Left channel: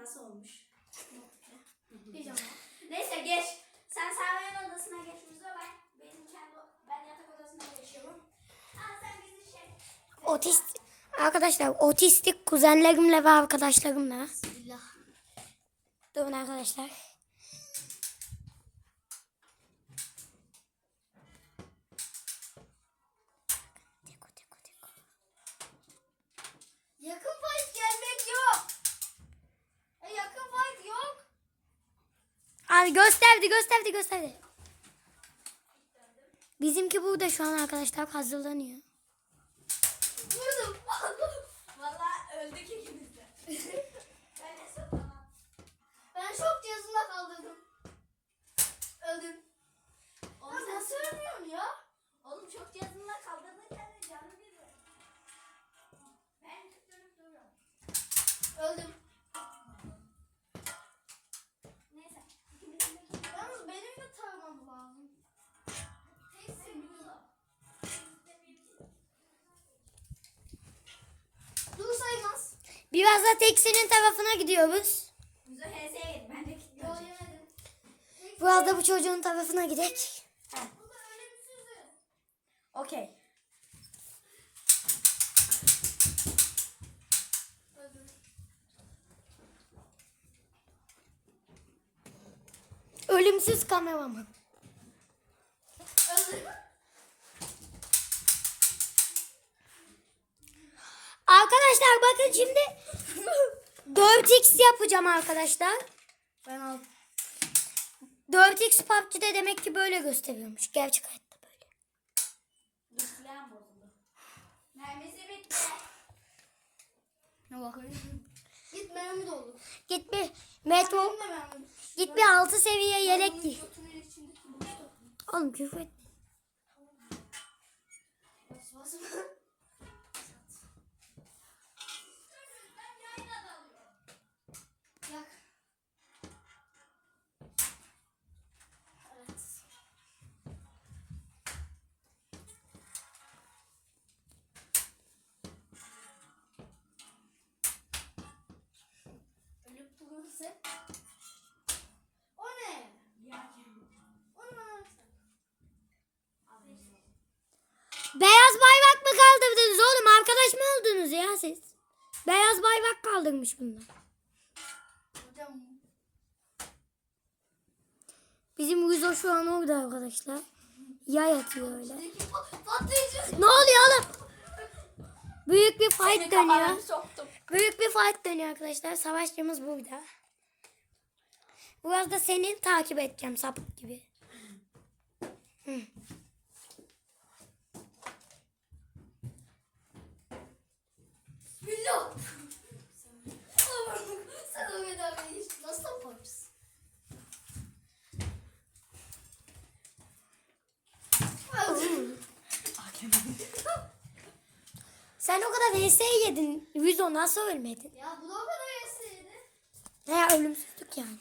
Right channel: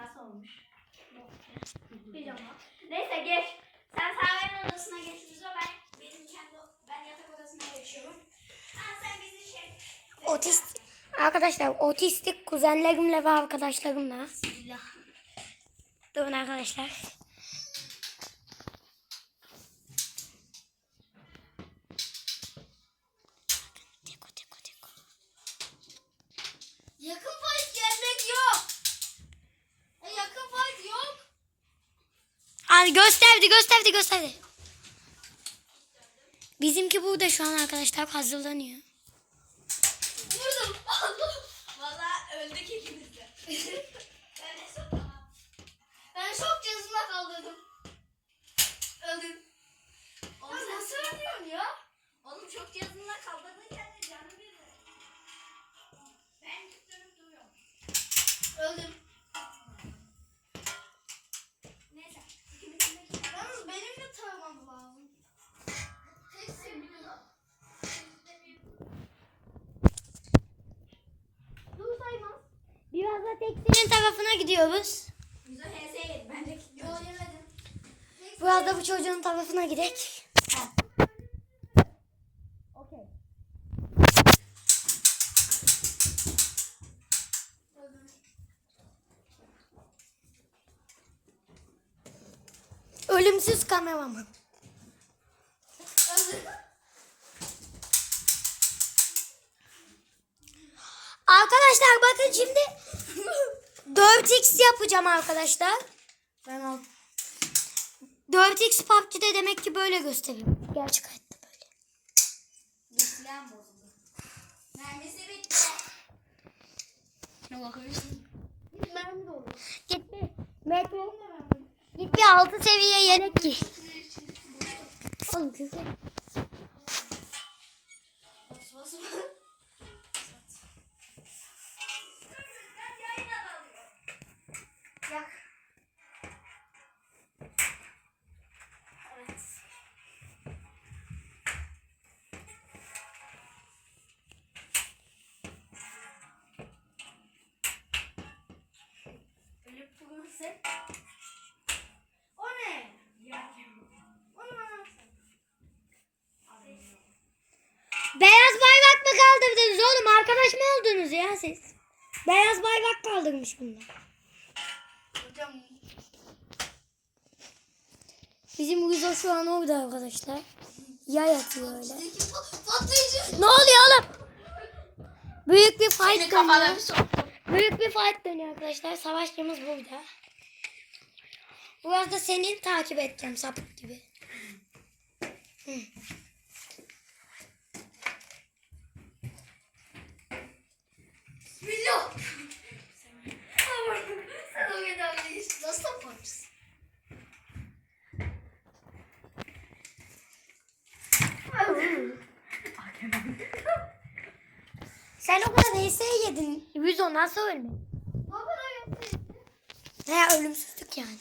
Nasıl olmuş? Pijama. Neyse geç. Sen Save'nin odasına geç Müzo. Ben benim kendi ben yatak odasına geçiyorum. Ha sen bizi şey. Otist arkadaşlar otistik kuzenlerimle ve arkadaşlarımla. Bismillah. Durun arkadaşlar. Gösterdi gösterdi gösterdi. Bizimki burada şu an arkadaşlar hazırlanıyor. Vurdum. Valla öldük ikimiz de. Biraz da Teksi'nin tarafına gidiyoruz. Biraz da bu çocuğun tarafına gidelim. Okey. Ölümsüz kameraman. Arkadaşlar bakın şimdi 4x yapacağım arkadaşlar. Tamam. 4x PUBG'de demek ki böyle gösteriyormuş. Gerçek hayatta böyle. Bozuldu. Mermisi bitti. Ne bakıyorsun? Git mermi doldu. Git bir metro, git bir 6 seviye yelek giy. Oğlum küfür. Durursak. O ne? Beyaz bayrak mı kaldırdınız oğlum? Arkadaş mı oldunuz ya siz? Beyaz bayrak kaldırmış bunlar. Hocam Bizim Guzo şu an orada arkadaşlar. Yay atıyor öyle. Ne oluyor oğlum? Büyük bir fight dönüyor. Büyük bir fight dönüyor arkadaşlar. Savaşçımız burada. Biraz da senin takip edeceğim sapık gibi. Hı. Bismillah. Sen o medalyeyi nasıl yaparsın? Sen o kadar HS yedin. Guzo nasıl ölmedin? Ya bu da bana gelseydi. He ölümsüzlük yani.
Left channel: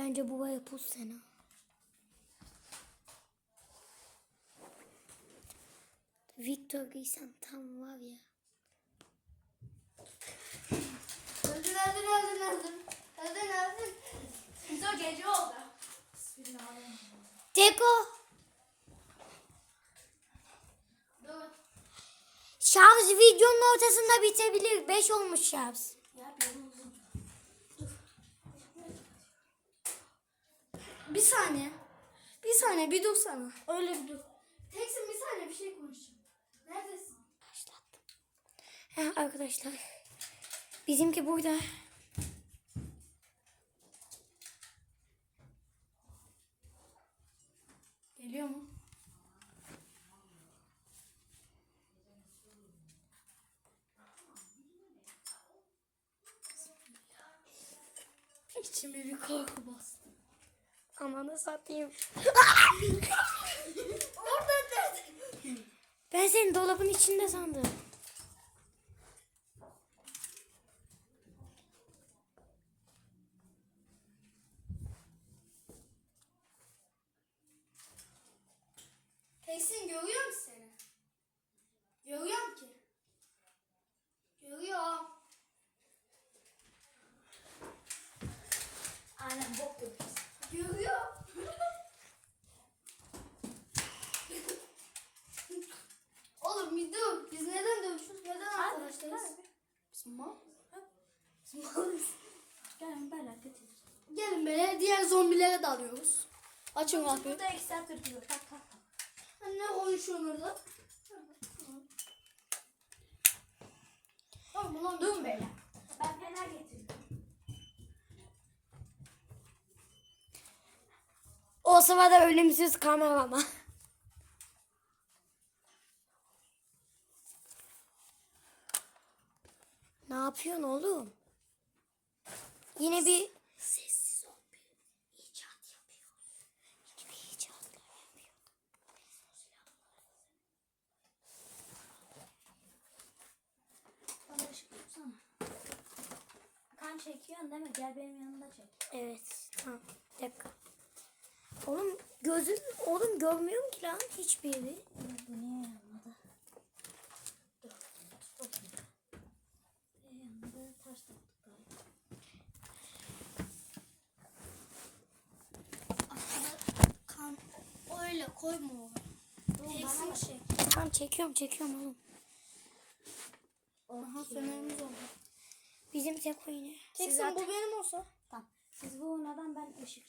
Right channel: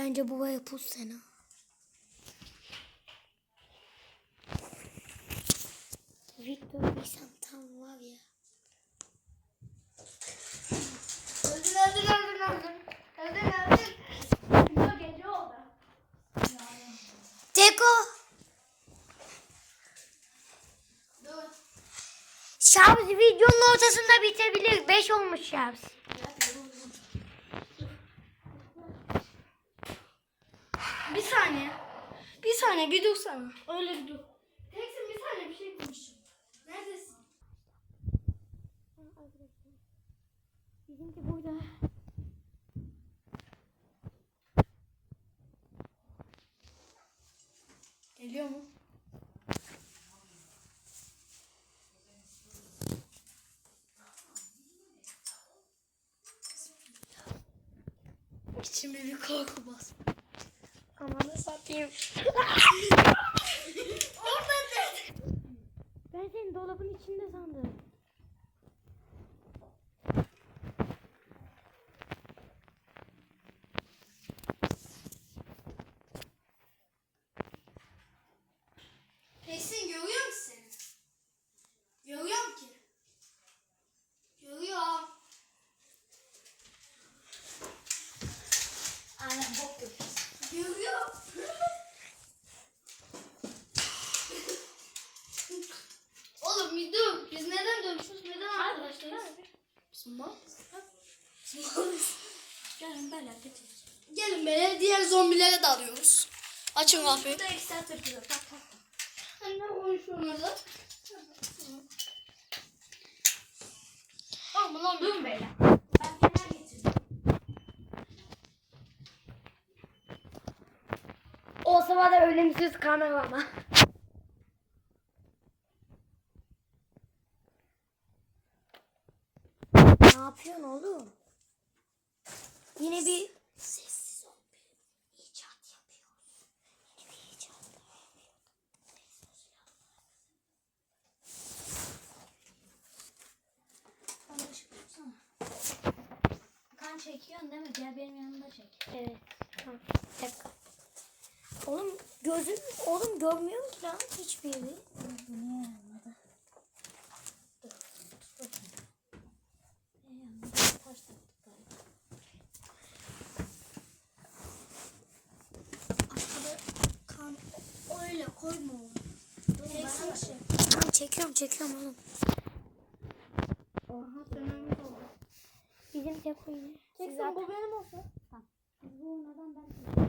Bence bu baya pus sena. Victor bilsem tam var ya. Öldün öldün öldün öldün. Öldün öldün. Güzel gece oldu. Teko. Dur. Şarj videonun ortasında bitebilir. 5 olmuş şarj. Saniye. Bir saniye bir dursana. Öyle bir dur. Teksin bir saniye bir şey konuşacağım. Neredesin? He arkadaşlar. Bizimki burada. Geliyor mu? İçime bir korku bastı. Amanı satayım. Ben seni dolabın içinde sandım. Esin görüyor musun seni? Görüyorum ki. Görüyorum. Aynen bok yapıyorsun. Görüyorum. Oğlum bir dur. Biz neden dövüşüyoruz? Neden arkadaşlarız? Gelin böyle geçelim. Gelin böyle diğer zombilere dalıyoruz. Açın kapıyı. Burada tak tak. Anne oyun şunları. Tamam lan. Durun beyler. Ben fener getirdim. O sırada ölümsüz kamerama. Çekiyorsun değil mi? Gel benim yanımda çek. Evet. Tamam. Bir dakika. Oğlum gözüm oğlum görmüyorum ki lan hiçbir yeri. Bu niye yanmadı? Dur. Tut bakayım. Niye yanmadı? Taş taktık galiba. Aşağıda kan. Öyle koyma onu. Dur bana bak. Şey. Tamam çekiyorum çekiyorum oğlum. Aha sömemiz oldu. Bizim tek oyunu. Çeksin bu benim olsa. Tamam. Siz bu neden ben bir şey.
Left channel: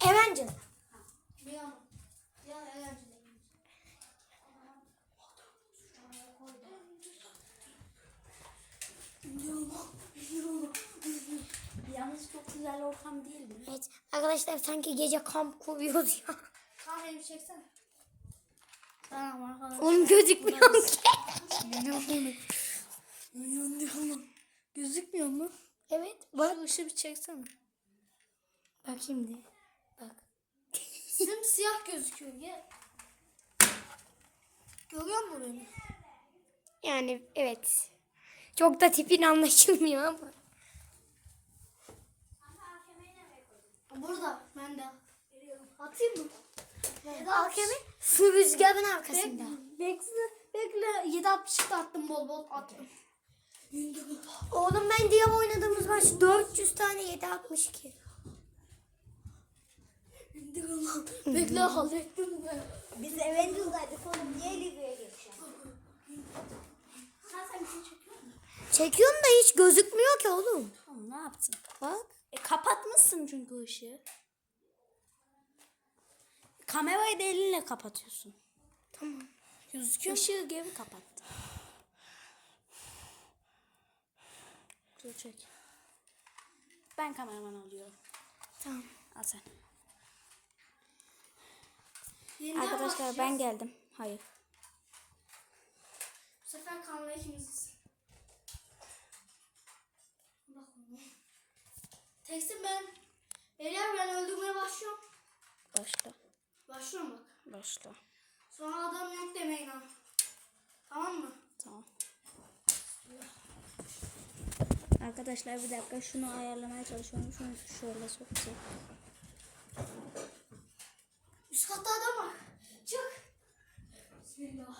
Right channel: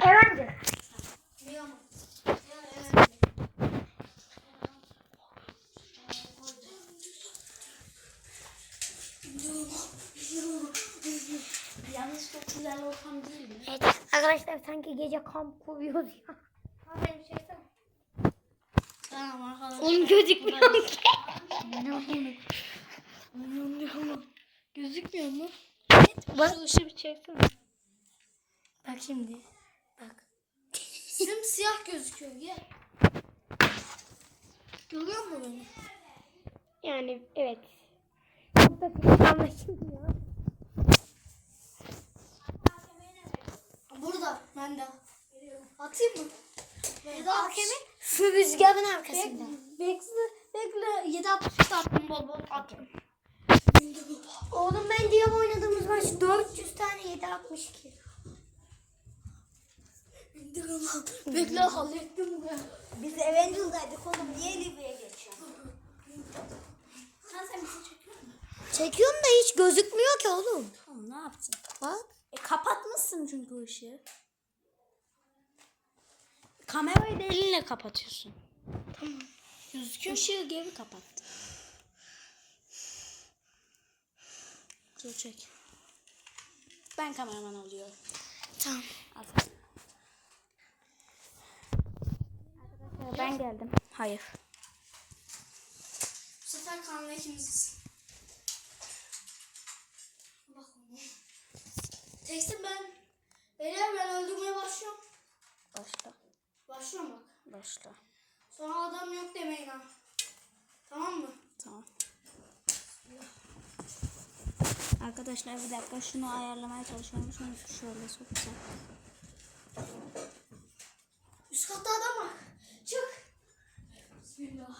Evancı. Yalnız çok güzel ortam değil mi? Evet arkadaşlar sanki gece kamp kuruyoruz ya. Tamam arkadaşlar. Oğlum gözükmüyor ki. Gözükmüyor mu? Bak. Şu ışığı bir çeksene. Bak şimdi. Bak. Simsiyah gözüküyor gel. Görüyor musun beni? Yani evet. Çok da tipin anlaşılmıyor ama. Burada ben de. Atayım mı? Eda Hakemi su rüzgarın arkasında. Bekle, bekle. 7 60 da attım bol bol attım. Oğlum ben diye oynadığımız maç 400 tane 762. bekle hallettim ben. Biz Avengers'daydık oğlum. Niye Libya'ya geçiyorsun? Sen sen bir şey çekiyor musun? Çekiyorum da hiç gözükmüyor ki oğlum. Oğlum ne yaptın? Bak. E kapatmışsın çünkü ışığı. Kamerayı da elinle kapatıyorsun. Tamam. Gözüküyor. Işığı geri kapattı. Dur çek. Ben kameraman alıyorum. Tamam. Al sen. Arkadaşlar ben geldim. Hayır. Bu sefer kanla ikimiziz. Bak. Teksin ben. Beyler ben öldürmeye başlıyorum. Başla. Başlıyorum bak. Başla. Sonra adam yok demeyin ha. Tamam mı? Tamam. Arkadaşlar bir dakika şunu ayarlamaya çalışıyorum. Şunu şöyle sokacağım. Üst katta adam var. Çık. Bismillah.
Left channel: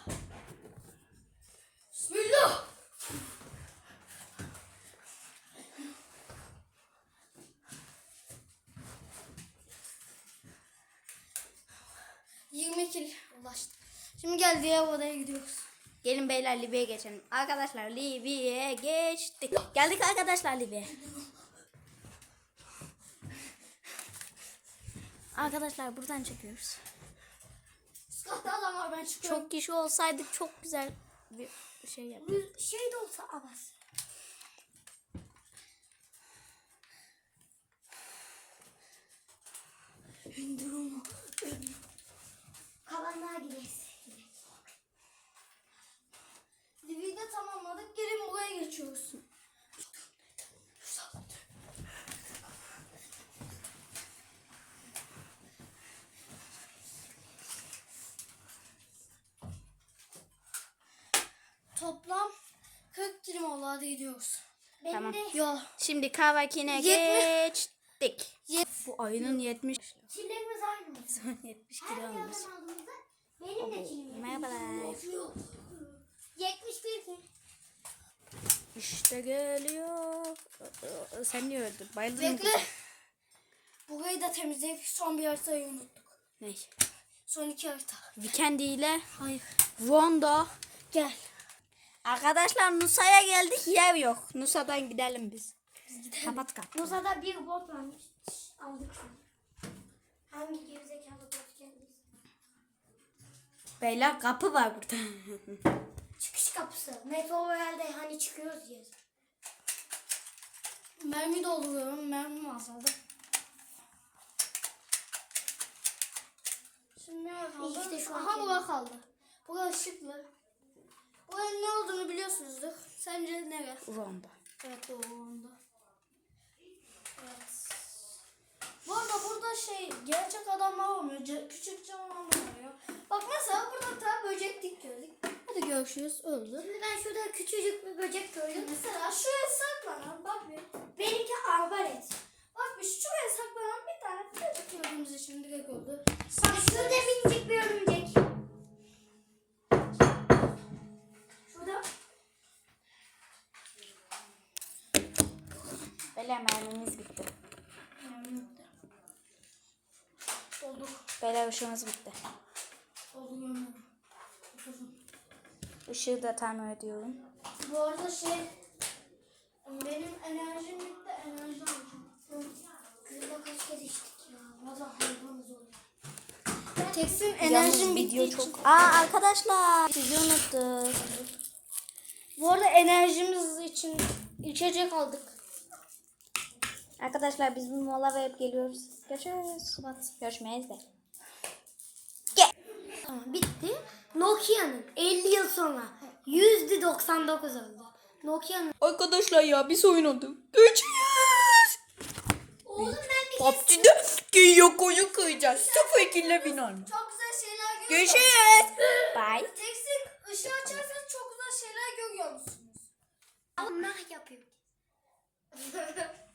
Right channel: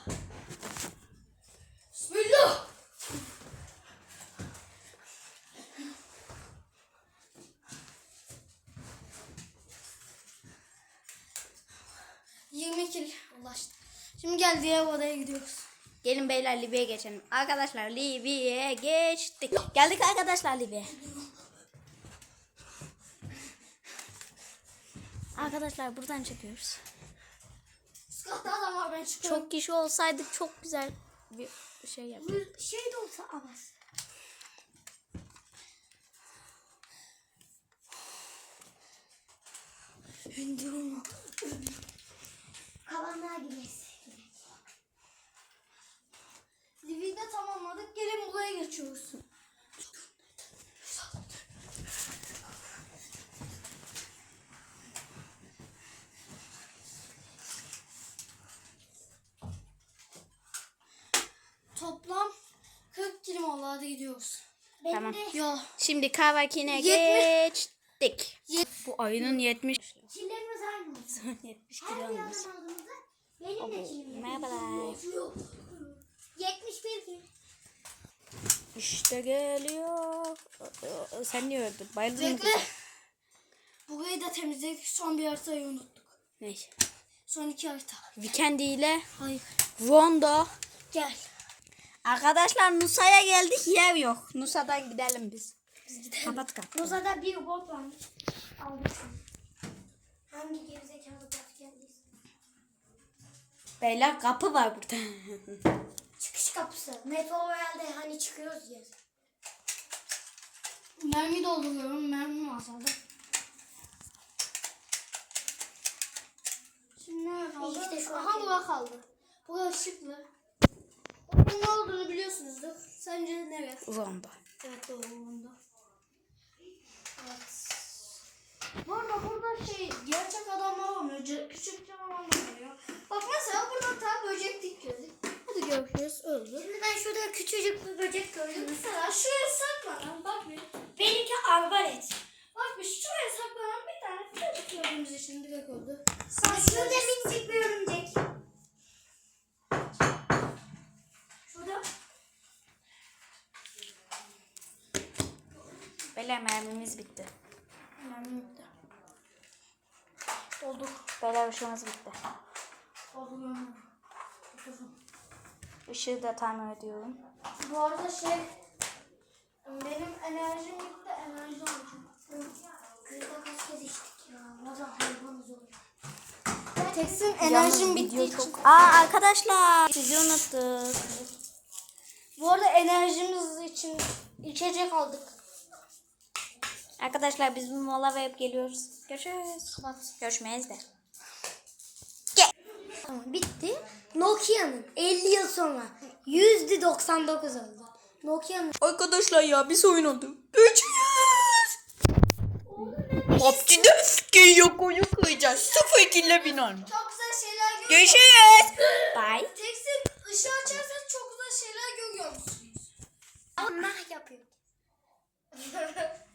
Şimdi gel diğer odaya gidiyoruz. Gelin beyler Libya'ya geçelim. Arkadaşlar Libya'ya geçtik. Geldik arkadaşlar Libya'ya. Arkadaşlar buradan çekiyoruz. Üst katta adam var ben çıkıyorum. Çok kişi olsaydık çok güzel bir şey yapardık. Şey de olsa avaz. İndir onu. Kalanlar gibiyiz. De tamamladık. Gelin buraya geçiyoruz. Toplam 40 kilo gidiyoruz. Benim Tamam. de Ya Şimdi Kavakine geçtik. Bu ayının 70 çillerimiz aynı mı? 70 Her kilo olmuş. aldığımızda benim de çilem. Merhabalar. 71 kilo. İşte geliyor. Sen niye öldün? Bayıldın mı bekle. kızım? Burayı da temizleyip son bir haritayı unuttuk. Ne? Son iki harita. Weekend ile Hayır. Rondo. Gel. Arkadaşlar Nusa'ya geldik yer yok. Nusa'dan gidelim biz. Kapat kapıyı. Nuza'da bir bot varmış. Aldık şunu. Hangi gerizekalı bot geldiyse. Beyler kapı var burada. Metro herhalde hani çıkıyoruz ya. Mermi dolduruyorum. Mermi masada. Şimdi ne kaldı? İşte şu Aha bura kaldı. Bura ışıklı. Buranın ne olduğunu biliyorsunuzdur. Sence nere? Rondo. Evet doğru onda. Evet. Bu arada burada şey gerçek adamlar olmuyor. Küçük canavarlar oluyor. Bak mesela burada ta böcek dik gördük. Hadi görüşürüz. Öldü. Şimdi ben şurada küçücük bir böcek gördüm. Mesela şuraya saklanan bak bir. Benimki arbalet. Bak bir şuraya saklanan bir tane böcek gördüğümüz için direkt öldü. Bak şurada minicik bir örümcek. Şurada Beyler mermimiz bitti. Mermi yoktu. Olduk. Beyler ışığımız bitti. Olduk yanına. Işığı da tamir ediyorum. Bu arada şey benim enerjim bitti. Enerji alacağım. kızla kaç kez içtik ya. Valla hayvanız oluyor. Teksin enerjim için. çok... Aa arkadaşlar sizi unuttuk. Bu arada enerjimiz için içecek aldık. Arkadaşlar biz bir mola verip geliyoruz. Görüşürüz. Kapat. Görüşmeyiz de. Tamam bitti. Nokia'nın 50 yıl sonra %99 oldu. Nokia'nın Arkadaşlar ya biz oynadık. Görüşürüz. Oğlum ben bir PUBG'de geyik oyun koyacağız. Sıfır kille bin olma. Çok güzel şeyler görüyoruz. Görüşürüz. Bye. Teksin ışığı açarsanız çok güzel şeyler görüyor musunuz? Allah yapıyor.